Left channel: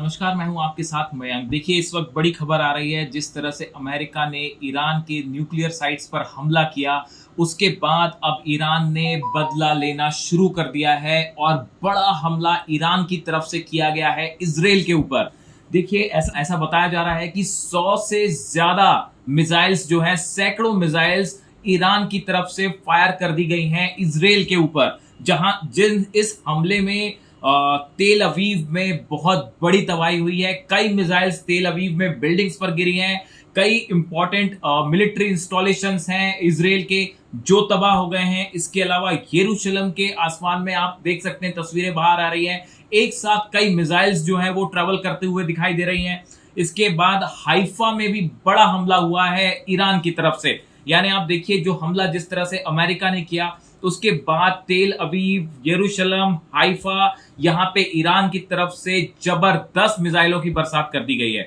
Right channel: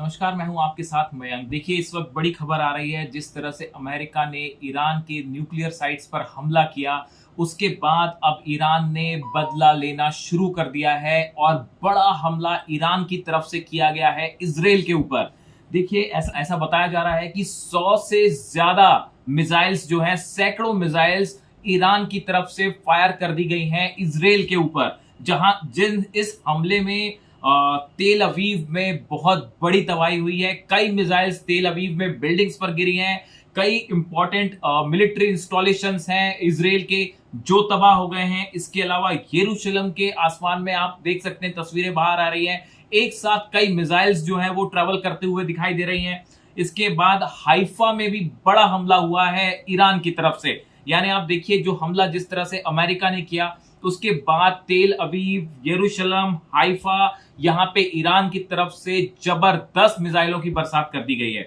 नमस्कार, मैं हूं आपके साथ मयंक। देखिए, इस वक्त बड़ी खबर आ रही है। जिस तरह से अमेरिका ने ईरान के न्यूक्लियर साइट्स पर हमला किया, उसके बाद अब ईरान ने बदला लेना शुरू कर दिया है और बड़ा हमला ईरान की तरफ से किया गया है इजराइल के ऊपर। देखिए, ऐसा ऐसा बताया जा रहा है कि 100 से ज्यादा मिसाइल्स जो है, सैकड़ों मिसाइल्स ईरान की तरफ से फायर कर दी गई हैं इजराइल के ऊपर। जहां जिन इस हमले में तेल अवीव में बहुत बड़ी तबाही हुई है। कई मिसाइल्स तेल अवीव में बिल्डिंग्स पर गिरी हैं। कई इंपॉर्टेंट मिलिट्री इंस्टॉलेशंस हैं इजराइल के जो तबाह हो गए हैं। इसके अलावा यरूशलेम के आसमान में आप देख सकते हैं, तस्वीरें बाहर आ रही हैं। एक साथ कई मिसाइल्स जो हैं वो ट्रेवल करते हुए दिखाई दे रही हैं। इसके बाद हाइफा में भी बड़ा हमला हुआ है ईरान की तरफ से। यानी आप देखिए, जो हमला जिस तरह से अमेरिका ने किया, उसके बाद तेल अवीव, यरूशलेम, हाइफा, यहां पे ईरान की तरफ से जबरदस्त मिसाइलों की बरसात कर दी गई है।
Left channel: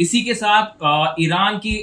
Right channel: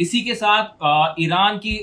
इसी के साथ ईरान की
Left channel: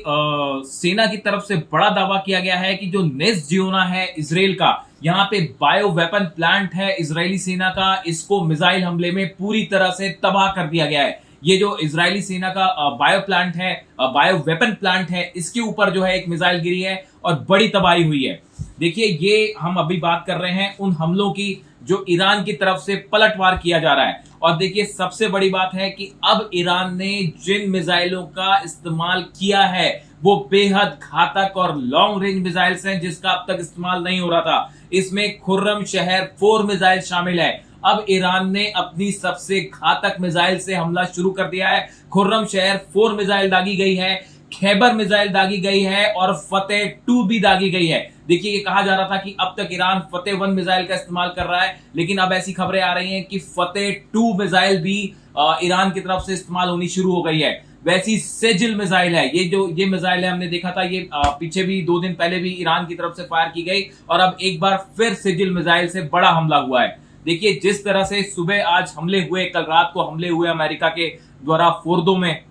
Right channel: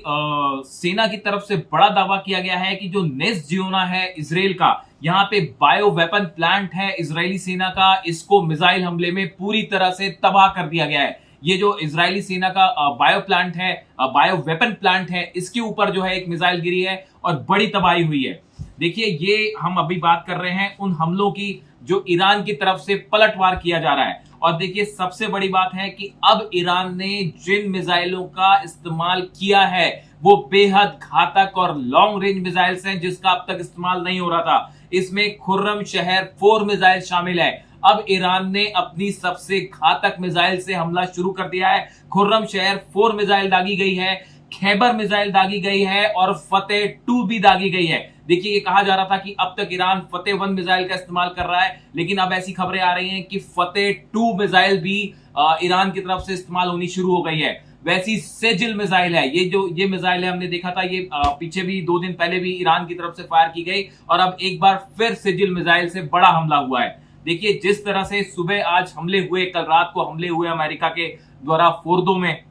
सेना की तरफ से बड़ा दावा किया गया है कि जो नेस जियोना है इजराइल का, यहाँ पे बायो वेपन प्लांट है इजरायली सेना का, इसको मिसाइल हमले में पूरी तरह से तबाह कर दिया गया है। ये जो इजरायली सेना का बायो प्लांट है, बायो वेपन प्लांट है, इसके ऊपर जो है एक मिसाइल गिरी है और बड़ी तबाही हुई है। देखिए, ये हम अभी बात कर रहे हैं उन हमलों की जो ईरान की तरफ से पलटवार किया जा रहा है। और देखिए, सबसे बड़ी बात है कि अब ईरान ने जिन मिसाइलों का इस्तेमाल किया है वो बेहद घातक और लॉन्ग रेंज मिसाइल्स हैं, जिसका अब तक इस्तेमाल नहीं हो रहा था। इसमें खुर्रम शहर 4 मिसाइल शामिल है। अब ईरान ने अपनी सबसे घातक मिसाइल से हमला शुरू कर दिया है। खुर्रम शहर 4 मिसाइल दागी गई है, खैबर मिसाइल दागी गई है और फतेह 2 भी दागी गई है। देखिए, ये कहा जा रहा था कि अब तक ईरान फतेह 1 मिसाइल का इस्तेमाल कर रहा है, लेकिन अब ऐसी खबरें आ रही हैं कि फतेह 2 मिसाइल भी ईरान की तरफ से इस्तेमाल होनी शुरू हो गई है। वैसी सेजिल मिसाइल है, ये मिसाइल है, हमने देखा था ये पीछे भी 2 दिन पहले भी ईरान की तरफ से फायर की गई और अब एक बार फिर सेजिल मिसाइल से बड़ा हमला हुआ है। देखिए, जिस तरह से सुबह आज हमले हुए, कल रात को हमले हुए अमेरिका के द्वारा फोर्दो में,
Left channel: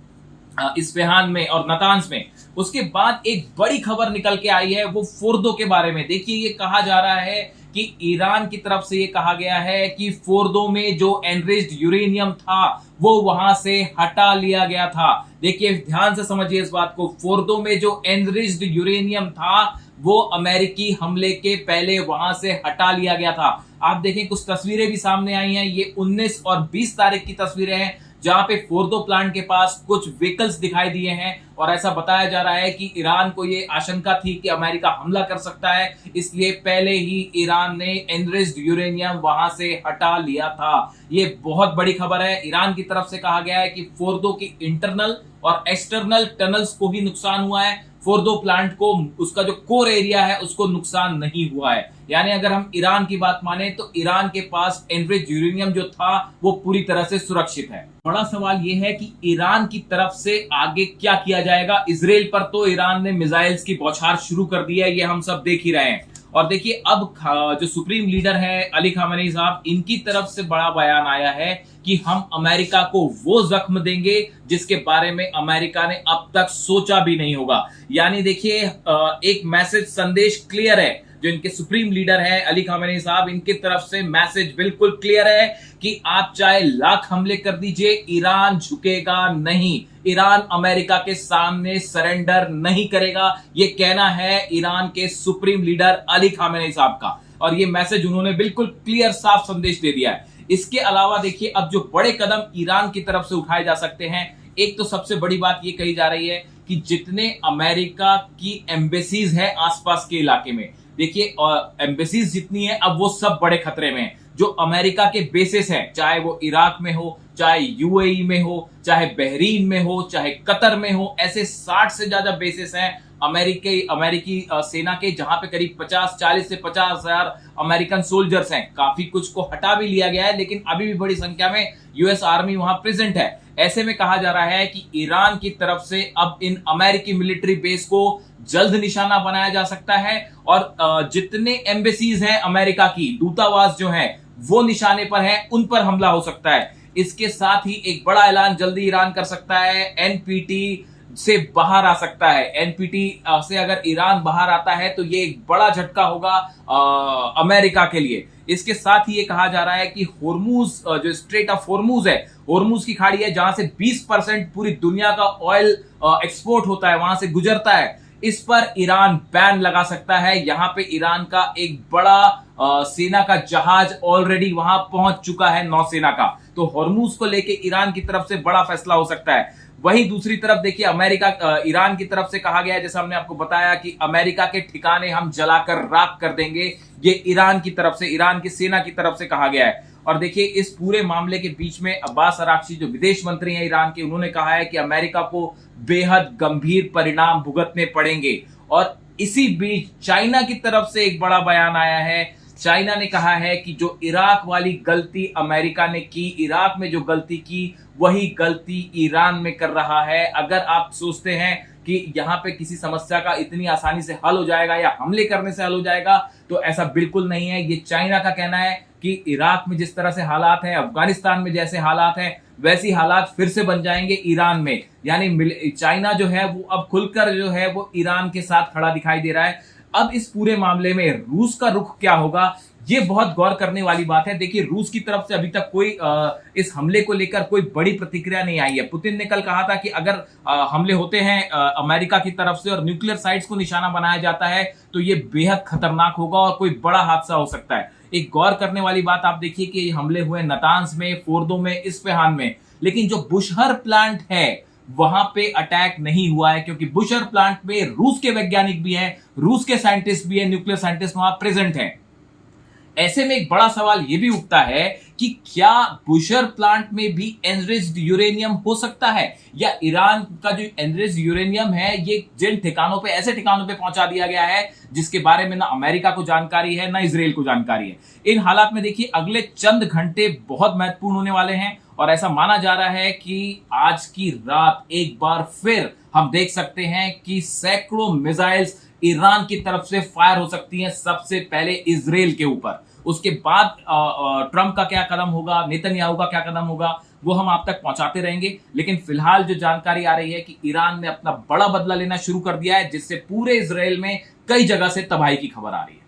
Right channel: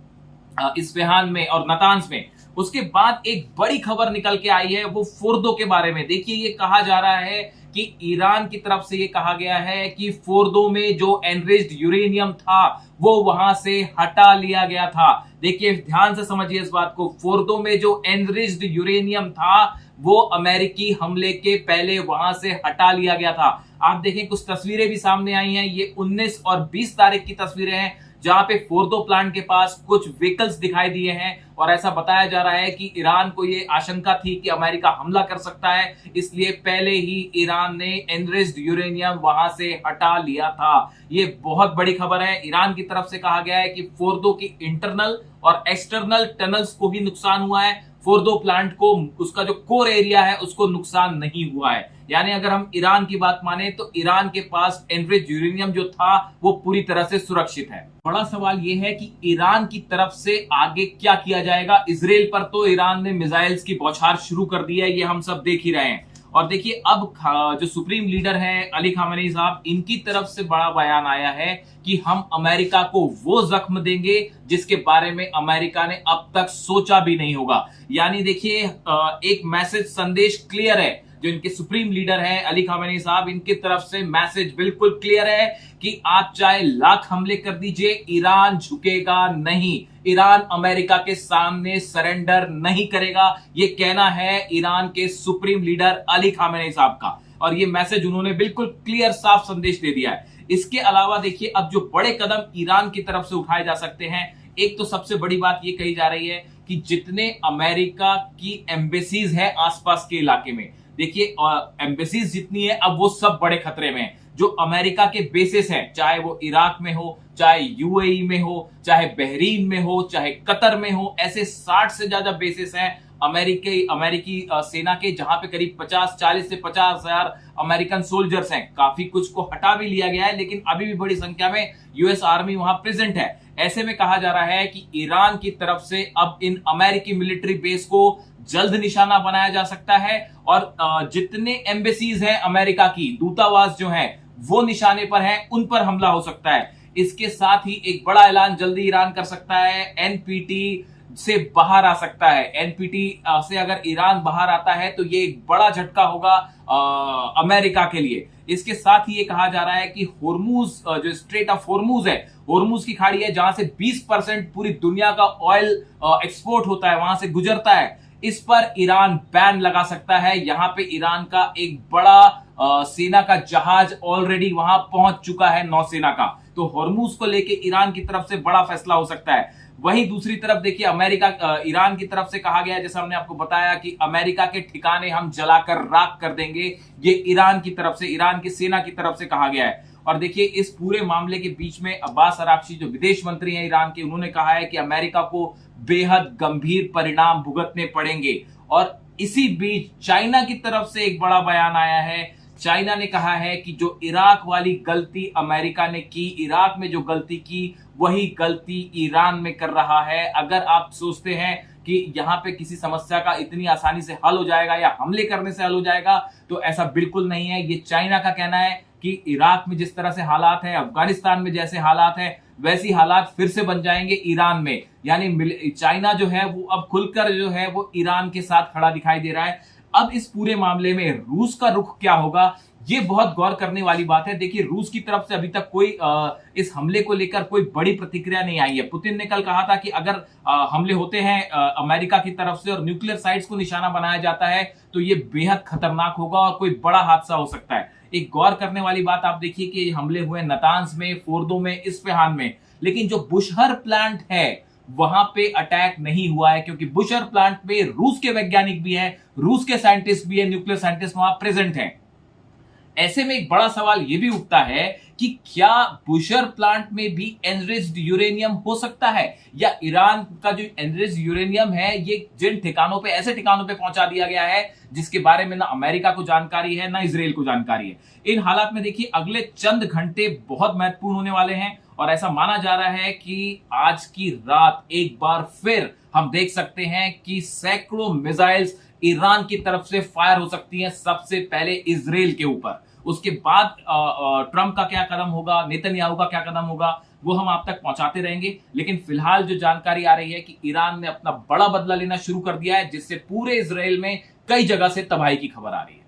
इस्फहान में और नतांज में, उसके बाद एक बड़ी खबर निकल के आई है वो फोर्दो के बारे में। देखिए, ये कहा जा रहा है कि ईरान की तरफ से ये कहा गया है कि फोर्दो में जो एनरिच्ड यूरेनियम था वो वहां से हटा लिया गया था। देखिए, ध्यान से समझिए इस बात को। फोर्दो में जो एनरिच्ड यूरेनियम था वो अमेरिकी हमले के पहले वहां से हटा लिया गया था। आप देखें, कुछ तस्वीरें भी सामने आई हैं। ये 19 और 20 तारीख की तस्वीरें हैं, जहां पे फोर्दो प्लांट के पास कुछ व्हीकल्स दिखाई दिए हैं और ऐसा बताया जा रहा है कि ईरान को ये आशंका थी कि अमेरिका हमला कर सकता है, इसलिए पहले ही ईरान ने एनरिच्ड यूरेनियम वहां से हटा लिया था। ये बहुत बड़ी खबर है। ईरान की तरफ से कहा गया है कि फोर्दो की इंटरनल और एक्सटर्नल टनल्स को ही नुकसान हुआ है, फोर्दो प्लांट को, उसका जो कोर एरिया है उसको नुकसान नहीं हुआ है। यानी अगर हम ईरान की बात माने तो ईरान के पास एनरिच्ड यूरेनियम जो था वो पूरी तरह से सुरक्षित है। बड़ा सवाल यह है कि ईरान की तरफ से आगे क्या किया जाएगा। इजराइल पर तो ईरान ने मिसाइल्स की बौछार शुरू कर दी है, ये हम सब देख ही रहे हैं। और देखिए, अब जो सुप्रीम लीडर है अली खामेनी साहब, इनकी तरफ से बड़ा बयान आया है कि हम अमेरिका को वो जख्म देंगे जिसके बारे में अमेरिका ने अब तक सोचा भी नहीं होगा। यानी देखिए, एक मैसेज, संदेश क्लियर है। जो इनके सुप्रीम लीडर हैं अली खामेनी साहब, इनकी तरफ से मैसेज बिल्कुल क्लियर है कि आप चाहे लाख हमले कर दीजिए, ईरान झुकेगा नहीं। ईरान अमेरिका के सामने सरेंडर नहीं करेगा। ये कहना है ईरान के सुप्रीम लीडर अली खामेनी साहब का, और ये मैसेज उन्होंने बिल्कुल क्लियर, साफ संदेश दे दिया है। इसके अलावा देखिए, अब जो बड़े कदम ईरान की तरफ से उठाए जा सकते हैं, एक तो सबसे बड़ी बात ये कही जा रही है कि जितने अमेरिका की एम्बेसीज हैं आसपास के इलाके में, देखिए एम्बेसीज जितनी है अब वो सब बड़े खतरे में हैं। जो अमेरिका के बेसिस हैं, चाहे वो इराक में हो, चाहे यूएई में हो, चाहे बहरीन में हो, चाहे कतर में हो, ऐसे 60 से ज्यादा बेसिस हैं अमेरिकी सेना के, जहां पे करीब 40 से 50 हजार अमेरिकन सोल्जर्स हैं। काफी कुछ को हटा भी लिया गया है, लेकिन अभी भी बड़ी संख्या में यूएस आर्मी वहां प्रेजेंट है। ऐसे में कहा जा रहा है कि ईरान की तरफ से अब इन अमेरिकी मिलिट्री बेस को जल्द निशाना बनाया जा सकता है और जितने एम्बेसीज हैं अमेरिका की, दूतावास जो है वो निशाने पर है, उन पर हमला हो सकता है। इसके साथ ही एक बड़ा ऐलान जल्दी ईरान कर सकता है, एनपीटी से बाहर आ सकता है। एनपीटी से अगर ईरान बाहर आता है तो ये एक बड़ा झटका होगा अमेरिका के लिए। इसके साथ ही ये कहा जा रहा है कि होर्मुज जो स्ट्रेट ऑफ होर्मुज है, होर्मुज की खाड़ी है जहां से 20% पूरी दुनिया का ऑयल एक्सपोर्ट होता है, वहां से गुजरता है, इस पर ईरान बैन लगा सकता है। यहां पे ईरान का एक बड़ा सेना का जहाज ऑलरेडी वहां पहुंच चुका है, नौसेना का। तो होर्मुज को लेके ईरान की तरफ से बड़ा फैसला हो सकता है। वहीं दूसरी तरफ देखिए अमेरिका ईरान की तरफ से कहा गया है, जैसा हमने आपको बताया कि अमेरिका के ठिकाने हम जलाकर राख कर देंगे, ये ईरान की तरफ से, ईरान की सेना की तरफ से कहा गया है। और देखिए इस पूरे मामले के बीच में अब्बास अराक्ची जो विदेश मंत्री हैं ईरान के, उन्होंने कहा है कि अमेरिका को बेहद गंभीर परिणाम भुगतने पड़ेंगे। और इसी बीच चाइना की तरफ से एक बड़ा बयान आया है। चाइना ने कहा है कि जो इराक वाली गलती अमेरिका ने की, इराक में जो गलती की, वही गलती ईरान में कर रहा है। अगर आप सोचते हैं कि यहां पे किसी समस्या का इतनी आसानी से हल हो जाएगा या हमले करने से हल हो जाएगा, तो ऐसा बिल्कुल नहीं है। ये चाइना का कहना है कि इराक में जिस तरह से हालात हैं, अफगानिस्तान में जैसे हालात हैं, वैसी हालात फिर से बन जाएंगे ईरान में। यानी चाइना जो है वो अब खुलकर जो है वो ईरान के साथ खड़ा दिखाई दे रहा है। अब इस पूरे मामले में रूस का रुख क्या होगा, ये बहुत गौर करने वाली बात है। देखिए रूस की तरफ से अभी तक कोई इस हमले को लेकर कोई बड़ी प्रतिक्रिया नहीं आई है। पुतिन ने कल कहा था कि अगर हमले होते हैं अमेरिका की तरफ से और न्यूक्लियर साइट्स को निशाना बनाया जाता है, तो ये बेहद खतरनाक होगा और कोई बड़ा हादसा हो सकता है। एक गौर करने वाली बात आप देखिए कि ये हमले हुए नातांज में, फोर्दो में, इस्फहान में, लेकिन जो बुशहर प्लांट है वहां पे अटैक नहीं हुआ है, क्योंकि बुशहर प्लांट में रूस के वैज्ञानिक भी हैं, रूस के साइंटिस्ट भी हैं, न्यूक्लियर साइंटिस्ट वहां प्रेजेंट हैं। ऐसे में एक बड़ा सवाल यह भी उठता है कि क्या बुशहर प्लांट में भी एनरिच्ड यूरेनियम हो सकता है, या ईरान का जो एनरिच्ड यूरेनियम है ये जिन ठिकानों पे, ऐसे ठिकानों पे पहुंचा दिया गया है जिसके बारे में ना अमेरिका को जानकारी है ना इजराइल को जानकारी है। इन हालात में देखिए अगले चंद घंटे बहुत महत्वपूर्ण होने वाले हैं और ऐसा माना जा रहा है कि आज की रात एक बार फिर हम देख सकते हैं कि सैकड़ों मिसाइल्स ईरान की तरफ से फायर हो सकती हैं, सबसे पहले इजराइल के ऊपर। उसके बाद ट्रंप का क्या कदम होगा, नेतन्याहू का क्या कदम होगा, वो हम आप तक पहुंचाते रहेंगे। लेकिन फिलहाल जो जानकारी आ रही है कि ईरान ने अपना बड़ा बदला लेना शुरू कर दिया है, जिससे पूरे इजराइल में कई जगह से तबाही की खबर आ रही है।